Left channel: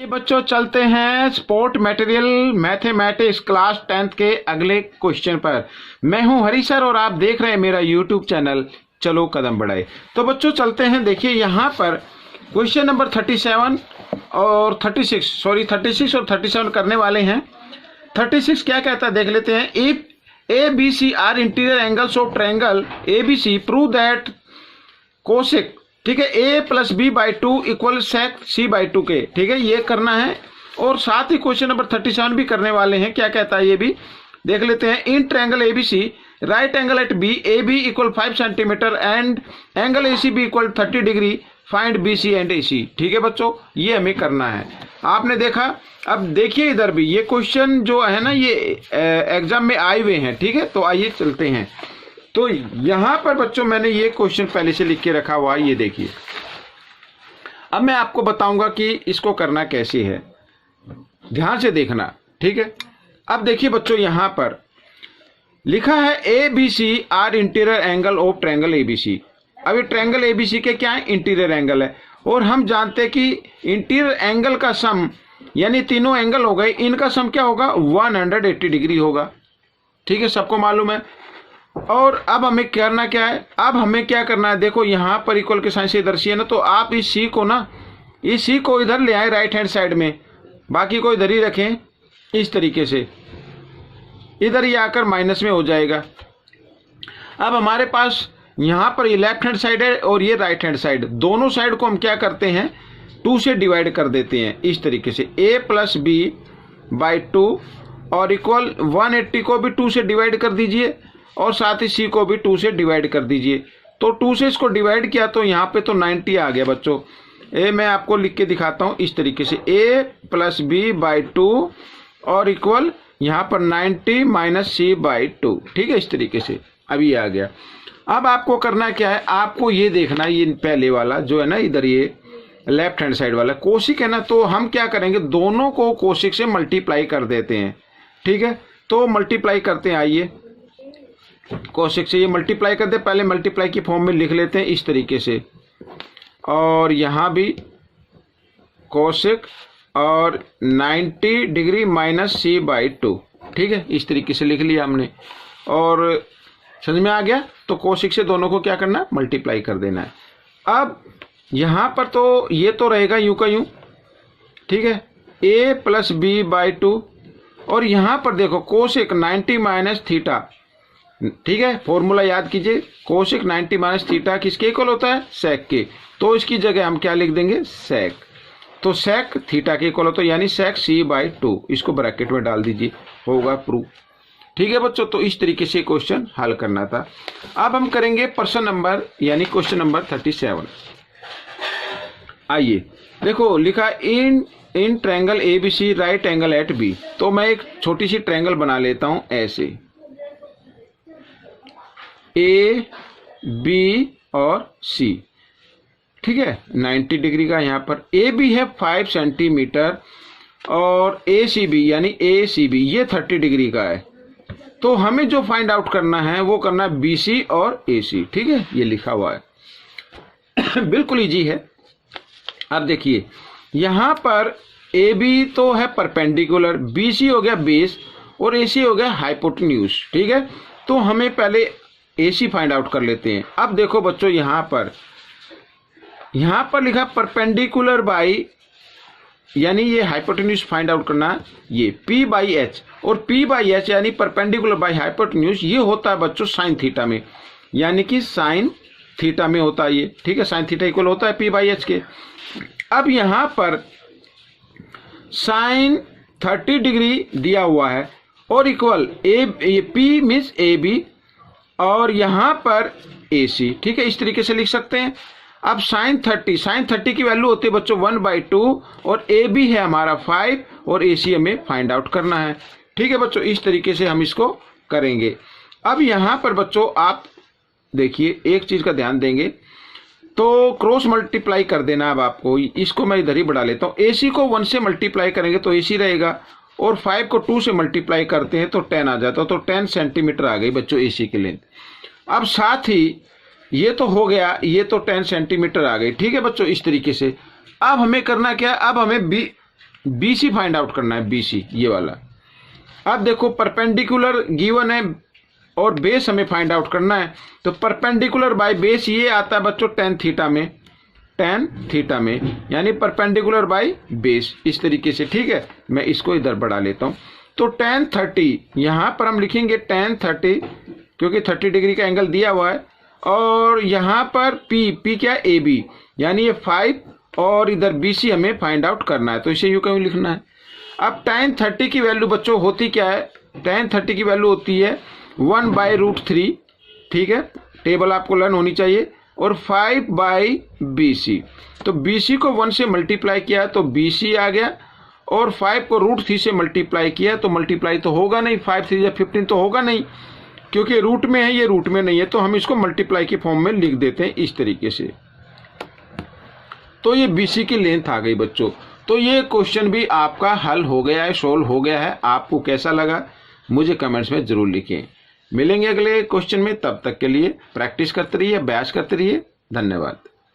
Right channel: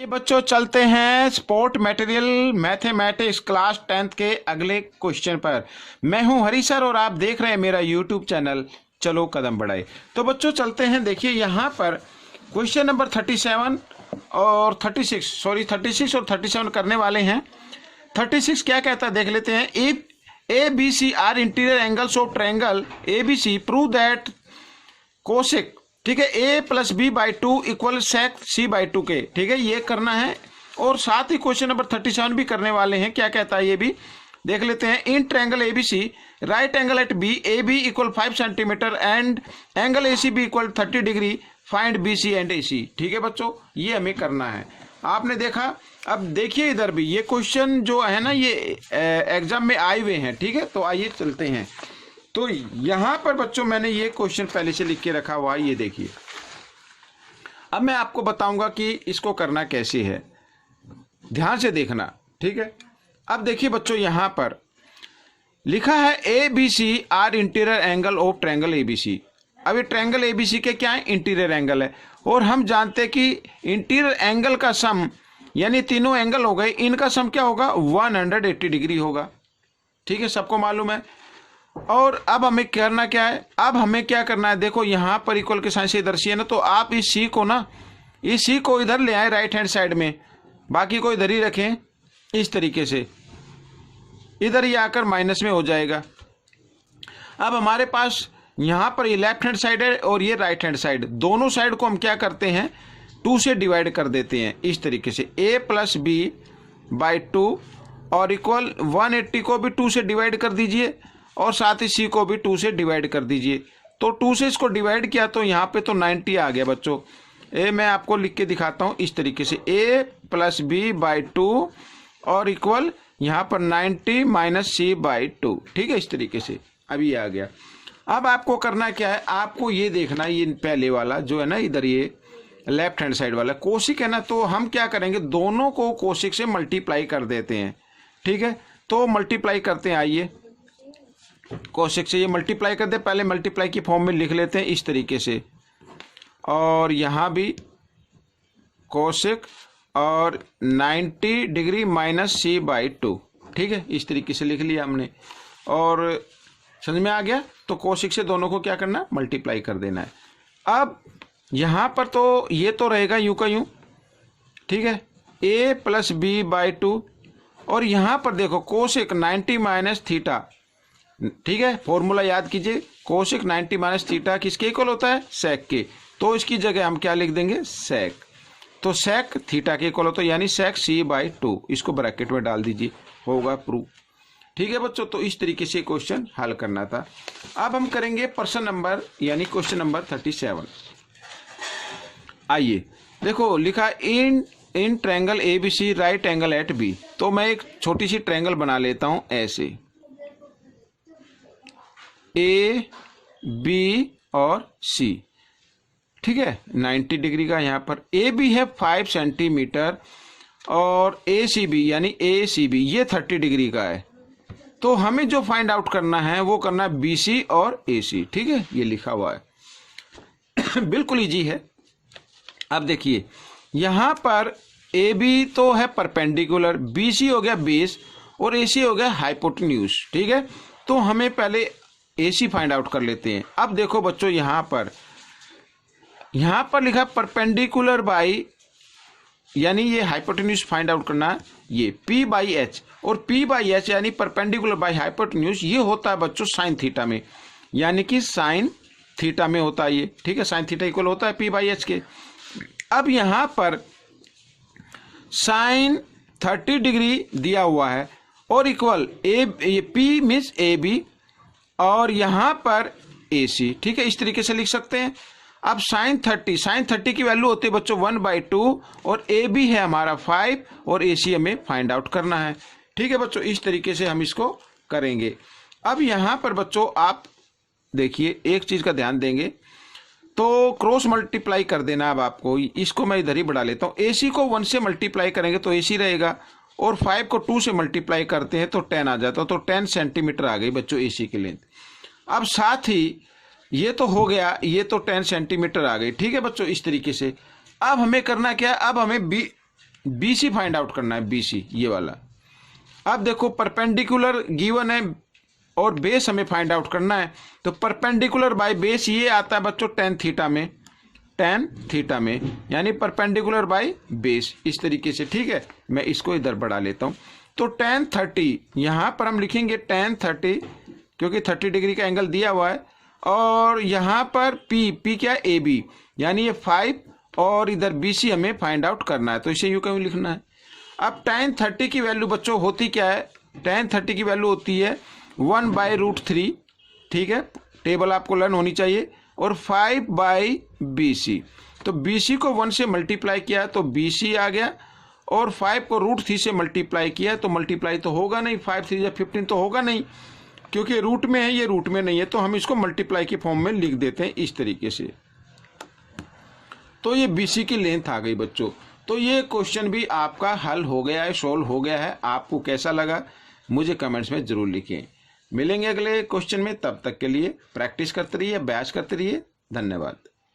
ये बच्चों चलते हैं sport material mathematics class 10th के अगले क्वेश्चन पर। मैं हूं हरी सर और आप देख रहे हैं मेरा यूट्यूब चैनल चलो कदम बढ़ाए। तो बच्चों चलते हैं, देखिए यहाँ पर क्वेश्चन नंबर 37 और 36 और 37 करने वाले हैं। 36 क्या कहता है देख लेते हैं। If A B C are interior angles of triangle A B C prove that cosec, ठीक है, A plus B by two equal sec C by two के, ठीक है, ये करना है। और साथ ही क्वेश्चन नंबर 37 भी करने वाले हैं। क्या कहता है ये भी देख लेते हैं। In triangle A B C right angle at B A B equal 5 centimetre and angle A C B equal 30 degree, find B C and A C. ठीक है बच्चों, ये हमें करना है। आपने देखा, अब देखिए इधर भी ये क्वेश्चन जो है ना ये एग्जाम में आए हुए हैं। ठीक है, तो आइए चलते हैं। तो यहां पर बच्चों मैंने ये क्वेश्चन पहले से लिख के रखा हुआ है, ये देखिए। अब मैं आपको बताऊंगा कि इसको करना कैसे है, ध्यान से देखना। ठीक है, अब देखिए बच्चों यहां पर लिखा है A B C are interior angle of triangle A B C. अब ये ट्रायंगल ए बी सी के क्या है, इंटीरियर एंगल है। और हम जानते हैं कि इंटीरियर एंगल का सम यानी तीनों एंगल हो गए, इनका सम क्या होगा, 180 डिग्री होगा। ठीक है, सबको मालूम है। और अब हमें करना क्या है, अब हमें क्या करना है, देखो यहाँ पर इक्वल के साइन से इधर सी है ना, तो आप इस सी को ना, इस सी को इधर ले आए राइट हैंड साइड में, बाकी को इधर ही रखें इस तरीके से, इधर ही आकर माइनस में हो जाएगा। अब हमारे पास यहाँ पर ये लेफ्ट हैंड साइड है और ये राइट हैंड साइड, दोनों साइड को हम क्या करते हैं 2 से डिवाइड कर देते हैं इस तरीके से, a प्लस बी बाई 2 और इक्वल 180 को भी 2 से डिवाइड कर दीजिए और साथ ही सी को भी 2 से डिवाइड कर दीजिए। तो 2 से इसको डिवाइड किया तो यहाँ पे तो 90 आ गया बच्चों। ए मैं आपको लिख के दिखाता हूँ इस तरीके से, a प्लस बी बाई 2 और इक्वल यहाँ पर 90 माइनस सी बाई 2। ठीक है, इस तरीके से अभी आ गया। अब आपको करना क्या है, आपको ये देखना, ये पहले वाला जो है ना इधर ये लेफ्ट हैंड साइड वाला कोशिक है ना, तो हम क्या करेंगे दोनों को कोशिक से मल्टीप्लाई कर देते हैं। ठीक है, तो मल्टीप्लाई करते हैं, आइए कोशिक से ये मल्टीप्लाई करते हैं। पहले मल्टीप्लाई की फॉर्म में लिख लेते हैं इस तरीके से, और यहाँ भी कोशिक और 90 डिग्री माइनस सी बाई 2। ठीक है, इस तरीके से लिख लिया हमने और समझ में आ गया। तो कोशिक से दोनों को क्या करना है, मल्टीप्लाई कर देना है। अब यहाँ पर तो ये तो रहेगा यूं का यूं, ठीक है, a प्लस बी बाई 2 और यहाँ पर देखो कोशिक 90 माइनस थीटा। ठीक है, फॉर्मूला याद कीजिए, कोशिक 90 माइनस थीटा किसके इक्वल होता है, सेक के। तो इसकी जगह हम क्या लिख देंगे, सेक। तो सेक थीटा के इक्वल होता है यानी सेक सी बाई 2, इसको ब्रैकेट में डाल दीजिए, होगा प्रूफ। ठीक है बच्चों, तो इस तरीके से क्वेश्चन हल करना था। अब हम करेंगे प्रश्न नंबर यानी क्वेश्चन नंबर 37। आइए देखो लिखा in triangle A B C right angle at B. तो मैं एक छोटी सी ट्रायंगल बना लेता हूं ऐसे, ए बी और सी। ठीक है, 90 डिग्री का यहाँ पर ए बी है 5 सेंटीमीटर और ए सी बी यानी ए सी बी ये 30 डिग्री का है। तो हमें जो फाइंड आउट करना है वो करना है बी सी और ए सी। ठीक है, ये लिखा हुआ है बिल्कुल इजी है। अब देखिए यहाँ पर ए बी तो है परपेंडिकुलर, बी सी हो गया बेस और ए सी हो गया हाइपोटेन्यूज। ठीक है, तो हमें पहले ए सी फाइंड आउट कर लेते हैं। अब देखो बच्चों यहाँ पर लिखा परपेंडिकुलर बाई यानी ये हाइपोटेन्यूज फाइंड आउट करना, ये P बाई एच, और P बाई एच यानी परपेंडिकुलर बाई हाइपोटेन्यूज ये होता है बच्चों साइन थीटा में, यानी कि साइन थीटा में होता है ये। ठीक है, साइन थीटा इक्वल होता है P बाई एच के। अब यहाँ पर साइन 30 डिग्री दिया हुआ है और equal P means A B और यहाँ पर ए सी। ठीक है, इस तरीके से लिख सकते हैं। अब साइन 30 की वैल्यू होती है बच्चों 1/2 और ए बी है हमारा 5 और ए सी हमें फाइंड आउट करना है। ठीक है बच्चों, इस तरीके से हम इसको करेंगे। अब यहाँ पर बच्चों आप देखिए एक चीज़ का ध्यान देंगे, तो क्रॉस मल्टीप्लाई कर देना। अब आपको इसको मैं इधर ही बढ़ा लेता हूँ, ए सी को 1 से मल्टीप्लाई करेंगे तो ए सी रहेगा और 5 को 2 से मल्टीप्लाई करते हैं तो 10 आ जाता है। तो 10 सेंटीमीटर आ गई बच्चों ए सी की लेंथ। अब साथ ही ये तो हो गया, ये तो 10 सेंटीमीटर आ गई। ठीक है बच्चों, इस तरीके से। अब हमें करना क्या है, अब हमें BC फाइंड आउट करना है, BC ये वाला। अब देखो परपेंडिकुलर गिवन है और बेस हमें फाइंड आउट करना है, तो परपेंडिकुलर बाय बेस ये आता है बच्चों tan थीटा में, tan थीटा में, यानी परपेंडिकुलर बाय बेस इस तरीके से। ठीक है, मैं इसको इधर बढ़ा लेता हूँ। तो tan 30 यहाँ पर हम लिखेंगे tan 30 क्योंकि 30 डिग्री का एंगल दिया हुआ है, और यहाँ पर P क्या AB, यानी ये 5 और इधर BC हमें फाइंड आउट करना है, तो इसे यूँ क्यों लिखना है। अब tan 30 की वैल्यू बच्चों होती क्या है, tan 30 की वैल्यू होती है 1/√3। ठीक है, टेबल आपको लर्न होनी चाहिए, और 5/BC। तो BC को 1 से मल्टीप्लाई किया तो BC आ गया, और 5 को √3 से मल्टीप्लाई किया तो मल्टीप्लाई तो होगा नहीं, 5 3 15 तो होगा नहीं, क्योंकि रूट में है, ये रूट में नहीं है, तो हम इसको मल्टीप्लाई के फॉर्म में लिख देते हैं इस तरीके से। तो ये BC की लेंथ आ गई बच्चों। तो ये क्वेश्चन भी आपका हल हो गया है, सोल्व हो गया है। आपको कैसा लगा मुझे कमेंट्स में ज़रूर लिखें। मिलेंगे अगले क्वेश्चन में, तब तक के लिए प्रैक्टिस करते रहिए, अभ्यास करते रहिए। धन्यवाद।